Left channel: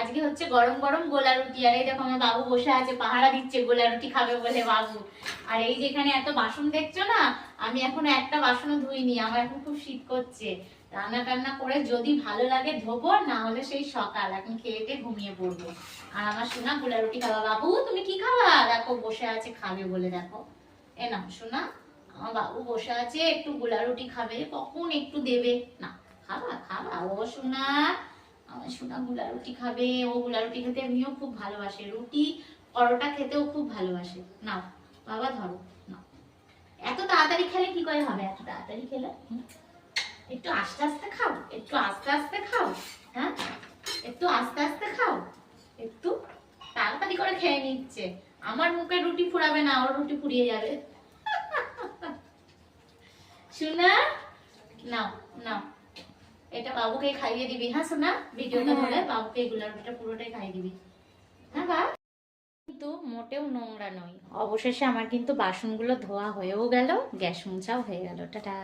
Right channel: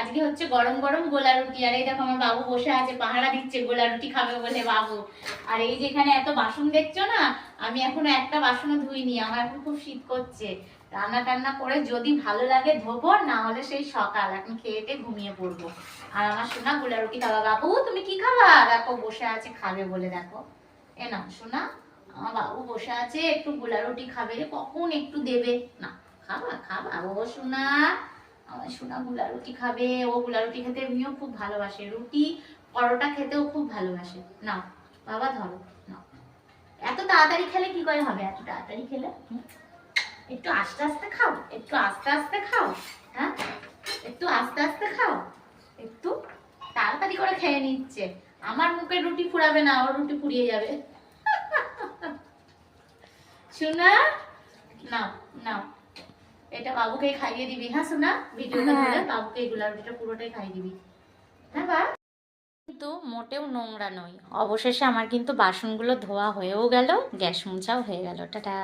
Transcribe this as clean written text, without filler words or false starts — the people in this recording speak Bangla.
আজকে হচ্ছে গরম গরম গোলা রুটি। আর এই দেখো আমার বাবু বসে আছে, পাহারা দিচ্ছে গোলা রুটি খাবে বলে বাবু। আর এই যেখানে এত বাসন দেখছো না, আমি এখনো একটা বাসনও ধুইনি। আমার এখন খুব শীত করছে। রান্না টান্না করে যদি ভালো লাগে ধোবো, না হলে সেই সকাল। এখন খেয়েতে ঘুমিয়ে পড়বো। আর আমার সোনা গোলা রুটি খাবা। বাবু তুমি কি খাবা? দেখো বসে আছে খাবে বলে, দেখো এ না সোনা, আমার বাবু বসে আছে একটু গোলা রুটি খাবে, কখন একটু দেবে না। খাবা খাবা ও সোনা, আমার সোনা গুলা রুটি খাবে। ও গুলা রুটি খেতে এমনিও খুব ভালোবাসে, রুটি পরোটা খেতেও খুব ভালোবাসে। নাও বাবা ধরো, নাও। এত তাড়াতাড়ি খেলে কি করে হবে? এত তাড়াতাড়ি খেলে একটু আস্তে আস্তে খাও, একটু আস্তে আস্তে খাও। হ্যাঁ, একটু আস্তে আস্তে খাও। একটু তাড়াতাড়ি করে খেয়ে নিচ্ছে। আমার মুখে রুটি ফুরাবে না, ওর রুটি ফুরিয়ে যাবে। সোনা নাও নাও, এটা বাবুকে খাইয়ে দিবি। হ্যাঁ সোনা, ভিডিওটা ধরে বাবুকে এই গোলা রুটিটা পুরোটাই খাইয়ে দিবি। হ্যাঁ বা কিন্তু মোটেও নোংরা নয়। অবশেষে আমার কিন্তু বাসনগুলো ধোয়া হয়েও গেল, গ্যাস মোছাও হয়ে গেল। টাটা।